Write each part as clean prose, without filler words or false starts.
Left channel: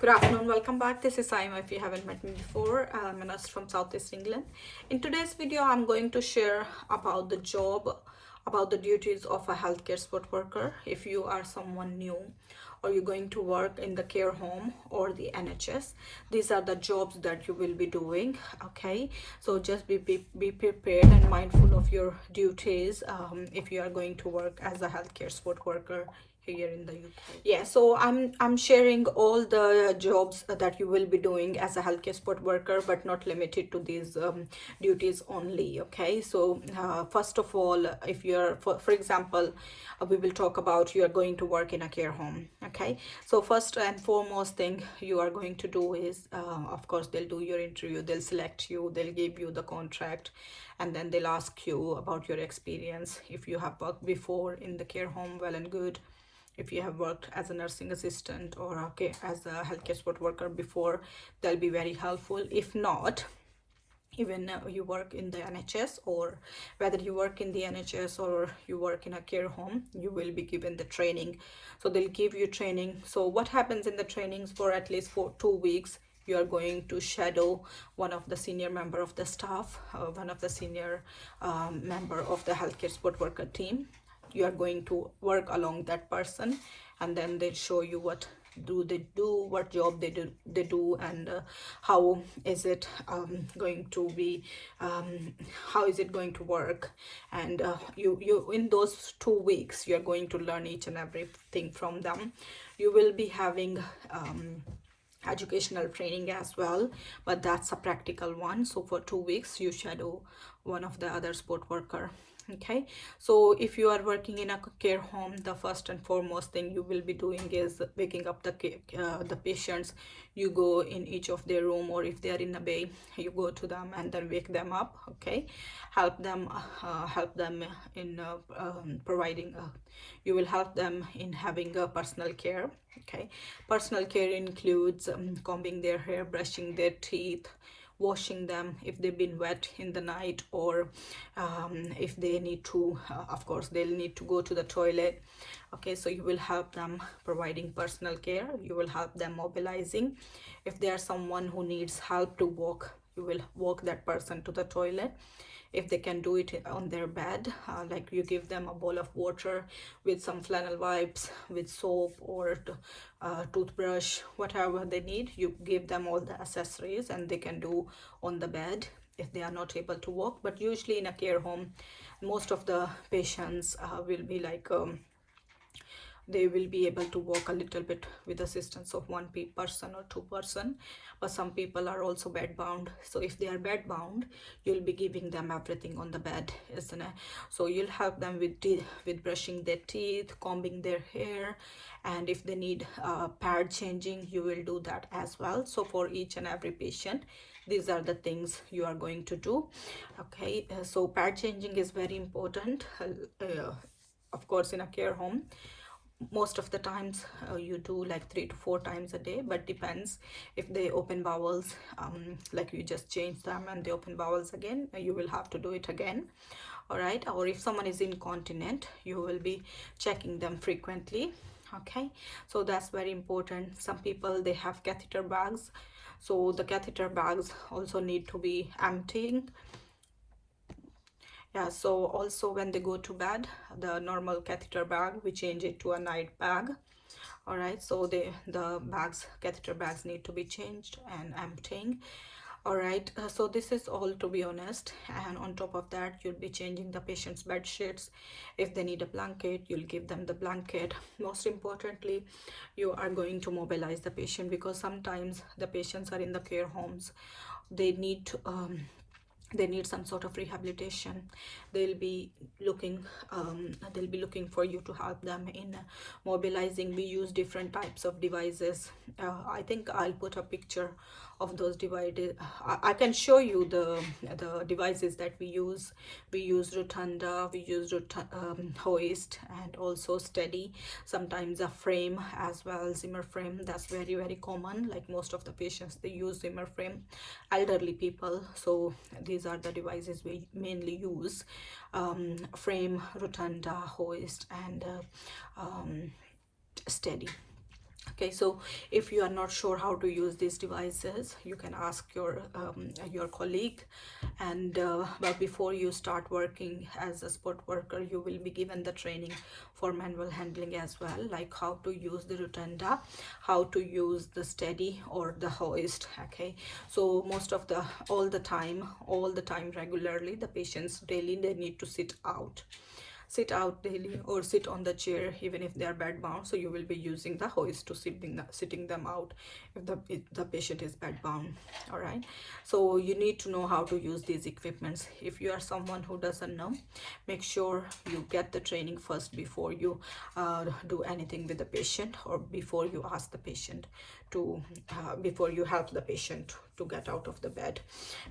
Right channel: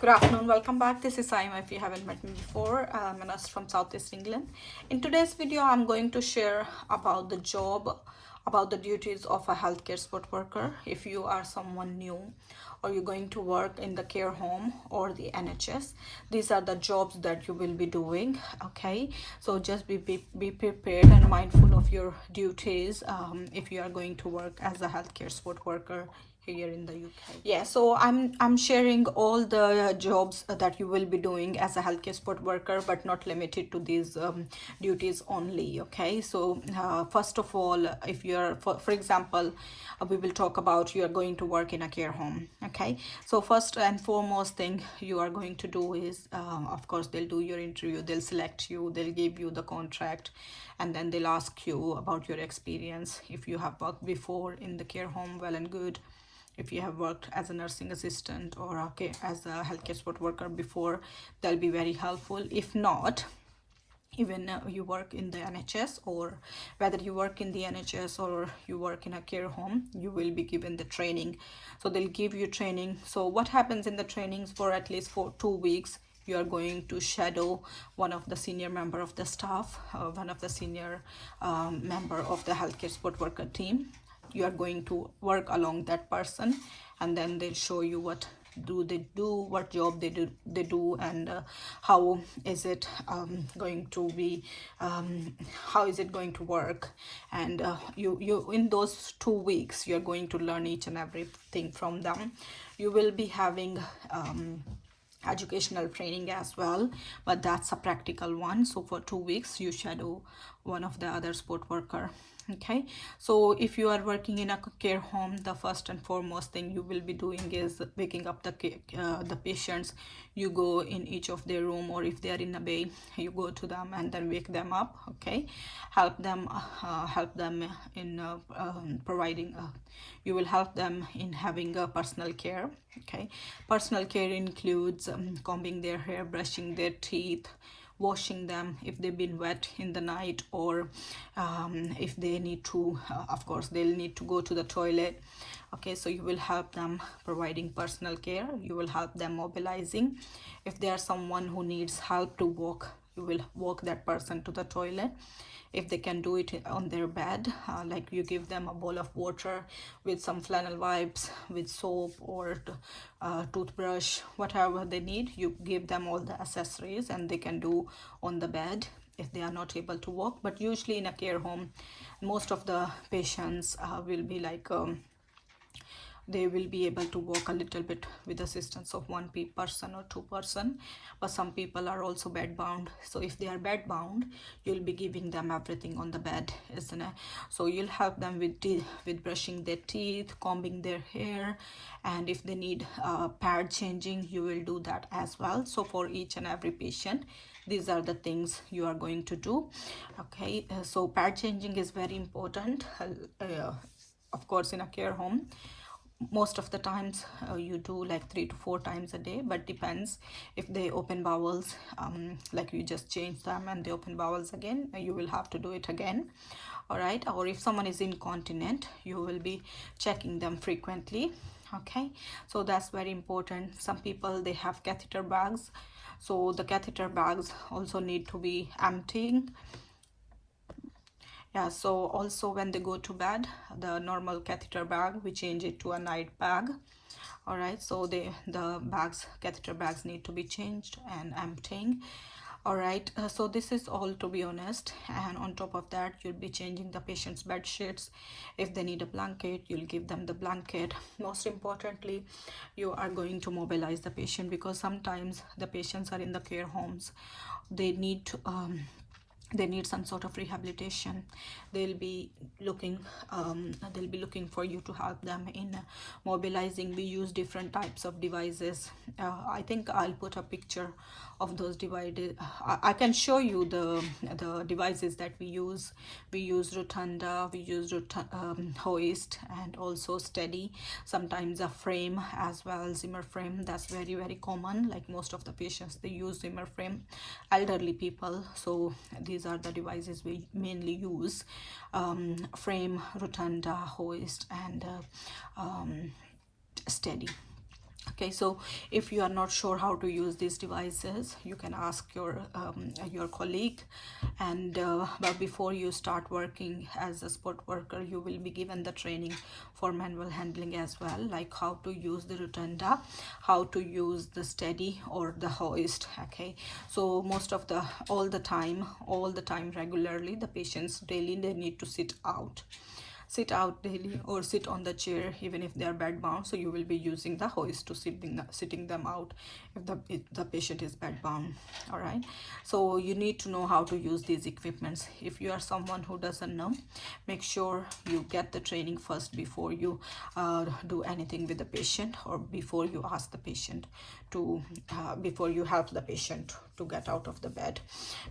Good afternoon, welcome back. This is Saima. If you haven't met me before, I'm a nurse from Southeast England. In today's video, I'm going to share about the job, about the duties of a healthcare support worker. If you are someone new or you're going to work in the care home or the NHS, these are the jobs that you will be doing. Okay, so just be prepared and mindful of your duties if you are going to work as a healthcare support worker here in the UK. Yeah, so I'm sharing all the jobs that you will be doing as a healthcare support worker, but not limited to these duties only. Okay, so first of all, if you're for example, we will talk about you are going to work in a care home. Okay, so first and foremost thing you are going to do is of course they'll do your interview, they'll select you, they'll give you the contract, and then they'll ask you about your experience. If you have worked before in the care home, well and good. If you have worked as a nursing assistant or okay as a healthcare support worker before, they'll be very helpful. If not, even you work in the NHS, or whether you work in the NHS or you work in a care home, you will be given the training. So they'll give you training. So what happens in the trainings, for at least for 2 weeks you are going to shadow one of the senior member of the staff, one of the senior member of the healthcare support worker team. You are going to work along that person, and then they'll show you what do they do, what job they do, and how is it going to be, how is it going to work. And you in those 2 weeks you're going to learn each and everything from them. You will be having educational training as well, but that's a practical one. So for 2 weeks you shadow one of the other support worker. Okay, so if you are working in a care home, the first and foremost thing you will be doing is waking up the patients. You go in each of their room, or if they are in a bay, you go to them and then wake them up. Okay, help them in providing you will help them in having a personal care. Okay, personal care includes combing their hair, brushing their teeth, washing them if they've been wet in the night, or if they need to of course they'll need to go to the toilet. Okay, so you will help them providing personal care. You will help them mobilizing. If there are someone who needs help to walk, you will walk that person to the toilet. If they can do it on their bed, like you give them a bowl of water with some flannel wipes, with soap, or toothbrush, whatever they need. You give them all the accessories and they can do on the bed if they are not able to walk. But usually in a care home, most of the patients will be like they will be able to walk a little bit with assistance of one person or two person, but some people are also bed bound. So if they are bed bound, you'll be giving them everything on the bed, isn't it? So you'll help them with brushing their teeth, combing their hair, and if they need pad changing, you will do that as well. So for each and every patient, these are the things you are going to do. Okay, so pad changing is very important. Of course, in a care home, most of the times you do like 3 to 4 times a day, but depends. If they open bowels, like you just change them and they open bowels again, you will have to do it again. All right, or if someone is incontinent, you will be checking them frequently. Okay, so that's very important. Some people, they have catheter bags, so the catheter bags also need to be emptying. Yeah, so also when they go to bed, the normal catheter bag, we change it to a night bag. All right, so the catheter bags need to be changed and emptying. All right, so this is all, to be honest. And on top of that, you'll be changing the patient's bed sheets. If they need a blanket, you'll give them the blanket. Most importantly, you are going to mobilize the patient, because sometimes the patients are in the care homes, they need to they need some sort of rehabilitation. They'll be looking for you to help them in mobilizing. We use different types of devices. I think I'll put a picture of those devices. I can show you the devices that we use. We use rotunda, we use hoist, and also steady, sometimes a frame as well, Zimmer frame. That's very, very common. Like most of the patients, they use Zimmer frame, elderly people. So these are the devices we mainly use: frame, rotunda, hoist, and steady. Okay, so if you are not sure how to use these devices, you can ask your colleague. And but before you start working as a sport worker, you will be given the training for manual handling as well, like how to use the rotunda, how to use the steady or the hoist. Okay, so all the time regularly, the patients daily, they need to sit out daily or sit on the chair even if they are bed bound. So you will be using the hoist to sitting them out if the patient is bed bound. All right, so you need to know how to use these equipments. If you are someone who doesn't know, make sure you get the training first before you do anything with the patient, or before you ask the patient to before you help the patient to get out of the bed,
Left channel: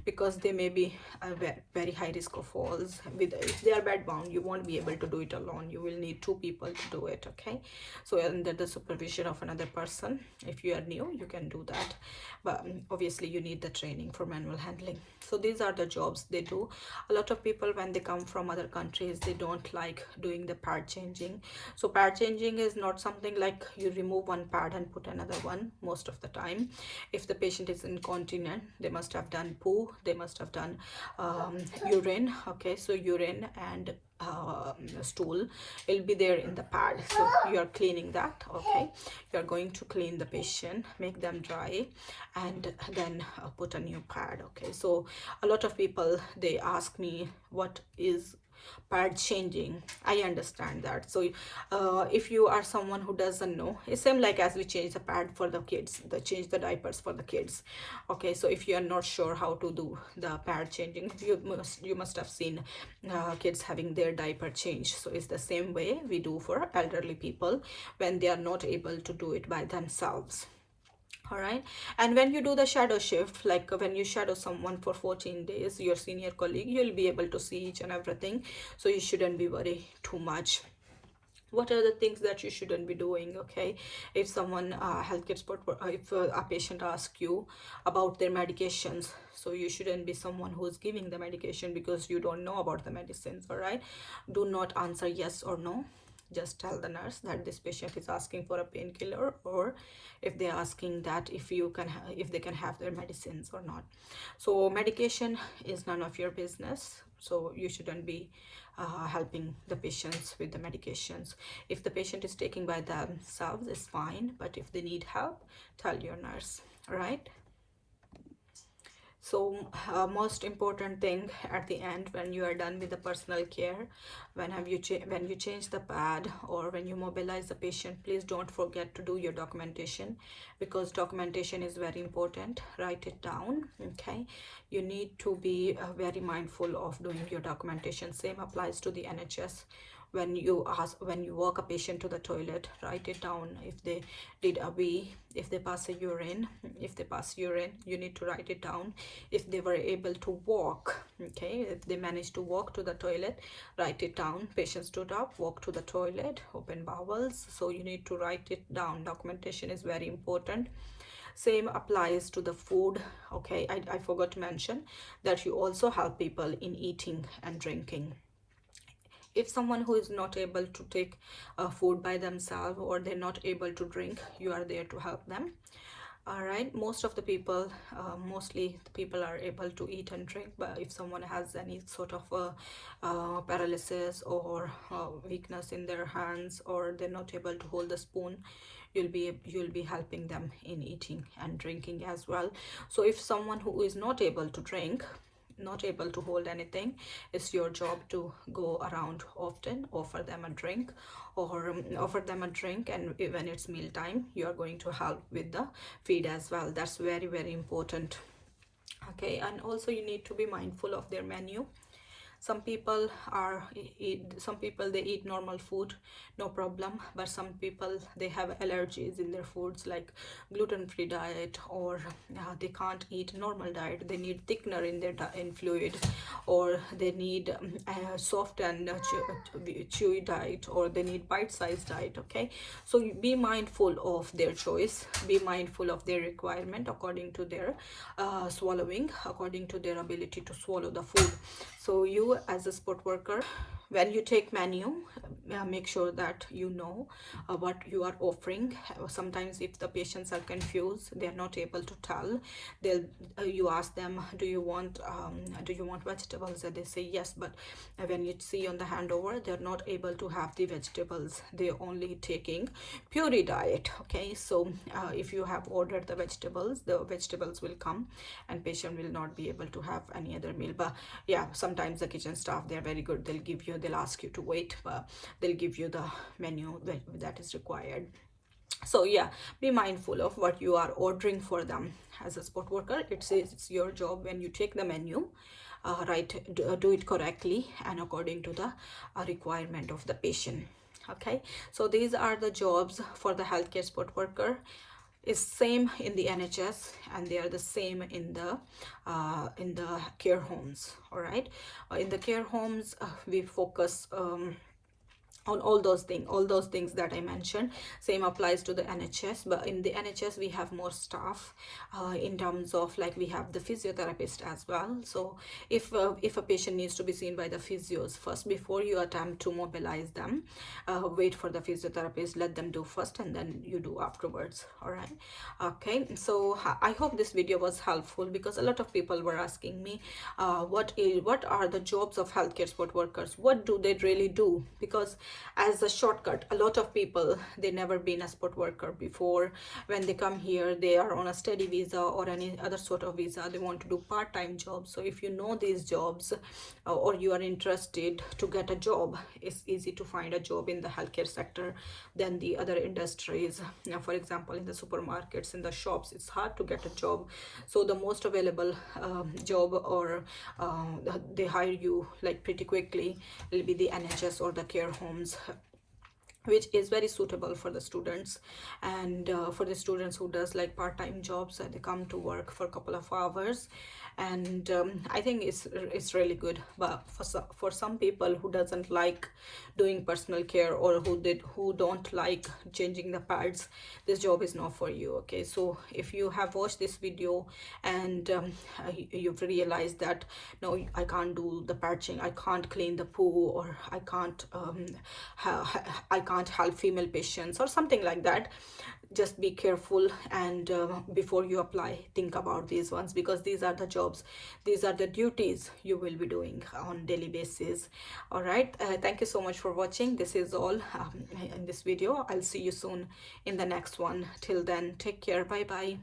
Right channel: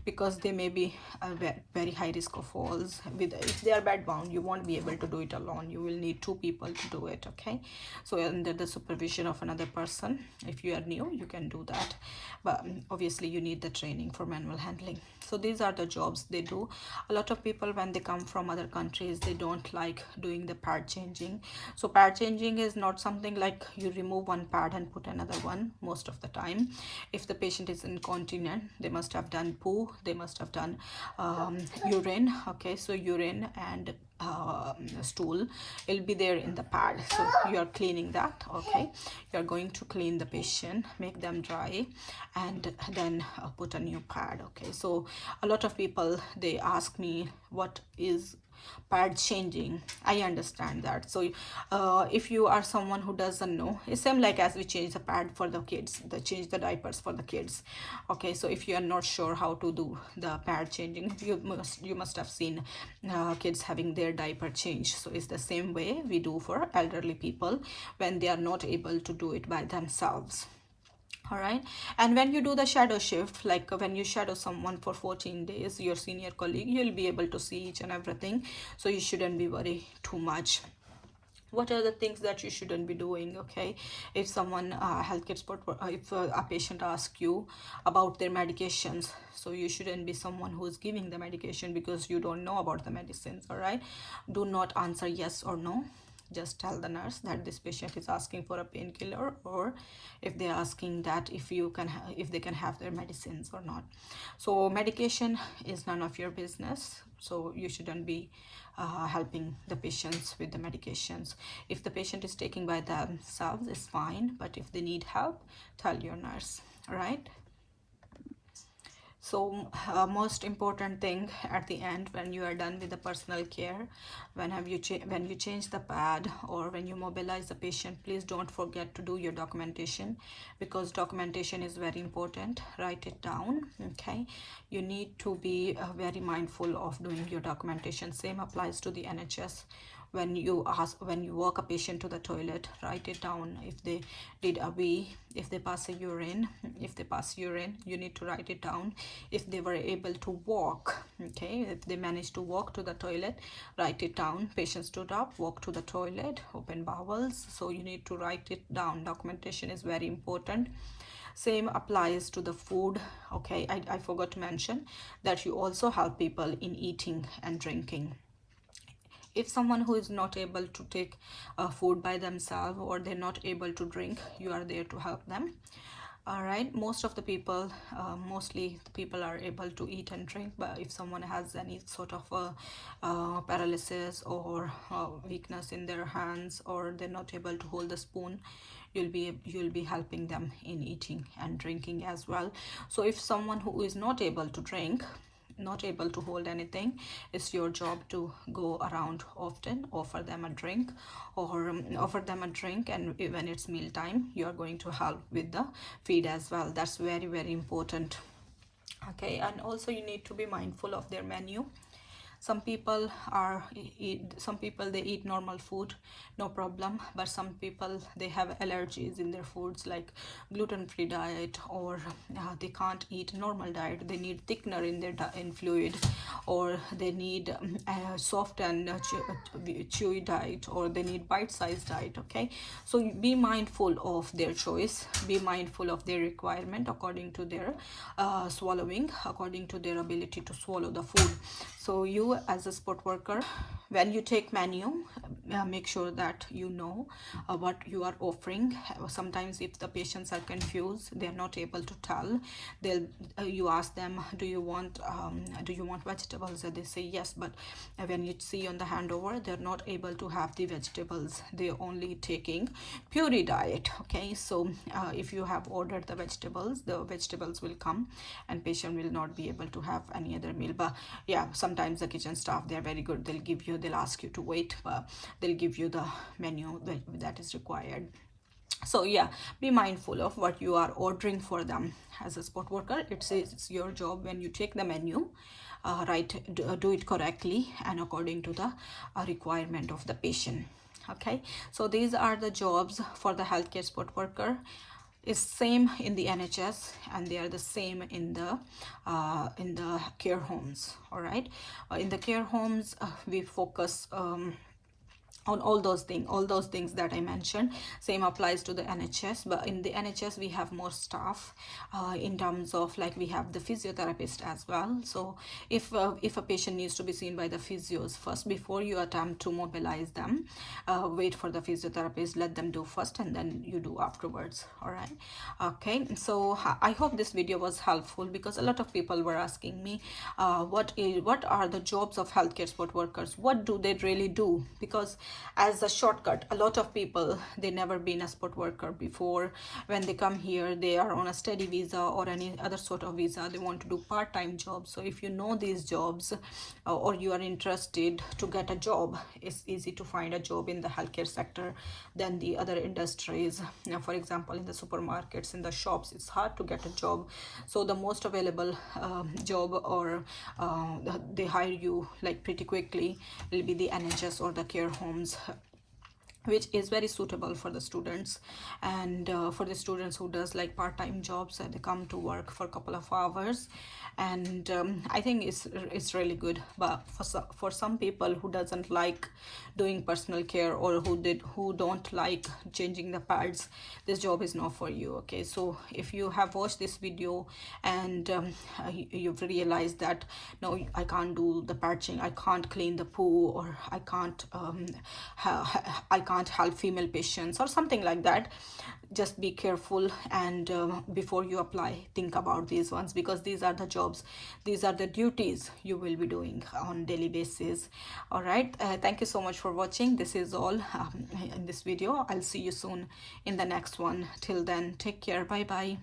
because they may be a very high risk of falls. With if they are bed bound, you won't be able to do it alone. You will need two people to do it. Okay, so under the supervision of another person. If you are new, you can do that, but obviously you need the training for manual handling. So these are the jobs they do. A lot of people, when they come from other countries, they don't like doing the pad changing. So pad changing is not something like you remove one pad and put another one. Most of the time, if the patient is incontinent, they must have done poo, they must have done urine. Okay, so urine and stool will be there in the pad, so you are cleaning that. Okay, you are going to clean the patient, make them dry, and then put a new pad. Okay, so a lot of people, they ask me, what is pad changing? I understand that. So if you are someone who doesn't know, it's same like as we change the pad for the kids, the change the diapers for the kids. Okay, so if you are not sure how to do the pad changing, you must have seen kids having their diaper changed. So it's the same way we do for elderly people when they are not able to do it by themselves. All right, and when you do the shadow shift, like when you shadow someone for 14 days, your senior colleague, you'll be able to see each and everything, so you shouldn't be worried too much. What are the things that you shouldn't be doing? Okay, if someone healthcare support, if a patient asks you about their medications, so you shouldn't be someone who is giving the medication because you don't know about the medicines. All right, do not answer yes or no. Just tell the nurse that this patient is asking for a painkiller, or if they're asking that if they can have their medicines or not. So medication is none of your business, so you shouldn't be helping the patients with the medications. If the patient is taking by themselves, it's fine, but if they need help, tell your nurse. Right, so most important thing at the end, when you are done with the personal care, when you change the pad or when you mobilize the patient, please don't forget to do your documentation, because documentation is very important. Write it down. Okay, you need to be very mindful of doing your documentation. Same applies to the NHS. When you walk a patient to the toilet, write it down. If they did a wee, if they pass urine, you need to write it down. If they were able to walk, okay, if they managed to walk to the toilet, write it down. Patient stood up, walked to the toilet, open bowels, so you need to write it down. Documentation is very important. Same applies to the food. Okay, I forgot to mention that you also help people in eating and drinking. If someone who is not able to take food by themselves, or they're not able to drink, you are there to help them. All right, most of the people, mostly the people are able to eat and drink, but if someone has any sort of paralysis or weakness in their hands, or they're not able to hold the spoon, you'll be helping them in eating and drinking as well. So if someone who is not able to drink, not able to hold anything, it's your job to go around often, offer them a drink, or offer them a drink, and when it's meal time, you are going to help with the feed as well. That's very, very important. Okay, and also you need to be mindful of their menu. Some people some people, they eat normal food, no problem, but some people, they have allergies in their foods, like gluten-free diet, or they can't eat normal diet. They need thickener in their in fluid, or they need soft and chewy diet, or they need bite-sized diet. Okay, so be mindful of their choice, be mindful of their requirement according to their swallowing, according to their ability to swallow the food. So you, as a sport worker, when you take menu, make sure that you know what you are offering. Sometimes if the patients are confused, they are not able to tell, they'll you ask them, do you want vegetables, and they say yes, but when you see on the handover, they're not able to have the vegetables, they're only taking puree diet. Okay, so if you have ordered the vegetables will come, and patient will not be able to have any other meal. But yeah, sometimes the kitchen staff, they're very good, they'll ask you to wait, but they'll give you the menu that is required. So yeah, be mindful of what you are ordering for them. As a sport worker, it's your job, when you take the menu, do it correctly and according to the requirement of the patient. Okay, so these are the jobs for the healthcare support worker. Is same in the NHS, and they are the same in the care homes. All right, in the care homes, we focus on all those things that I mentioned. Same applies to the NHS, but in the NHS we have more staff, in terms of, like, we have the physiotherapist as well. So if a patient needs to be seen by the physios first, before you attempt to mobilize them, wait for the physiotherapist, let them do first, and then you do afterwards. All right, okay. So I hope this video was helpful, because a lot of people were asking me, what are the jobs of healthcare support workers, what do they really do? Because as a shortcut, a lot of people, they never been a support worker before. When they come here, they are on a study visa or any other sort of visa, they want to do part-time jobs. So if you know these jobs, or you are interested to get a job, it's easy to find a job in the healthcare sector than the other industries. For example, in the supermarkets, in the shops, it's hard to get a job. So the most available job, or they hire you like pretty quickly, will be the NHS or the care homes, which is very suitable for the students. And for the students who does like part-time jobs, they come to work for a couple of hours, and I think it's really good. But for some people who doesn't like doing personal care, or who don't like changing the pads, this job is not for you. Okay, so if you have watched this video and you've realized that, no, I can't do the patching, I can't clean the poo, or I can't help female patients or something like that, just be careful, and before you apply, think about these ones, because these are the jobs, these are the duties you will be doing on daily basis. All right, thank you so much for watching. This is all in this video. I'll see you soon in the next one. Till then, take care. Bye bye.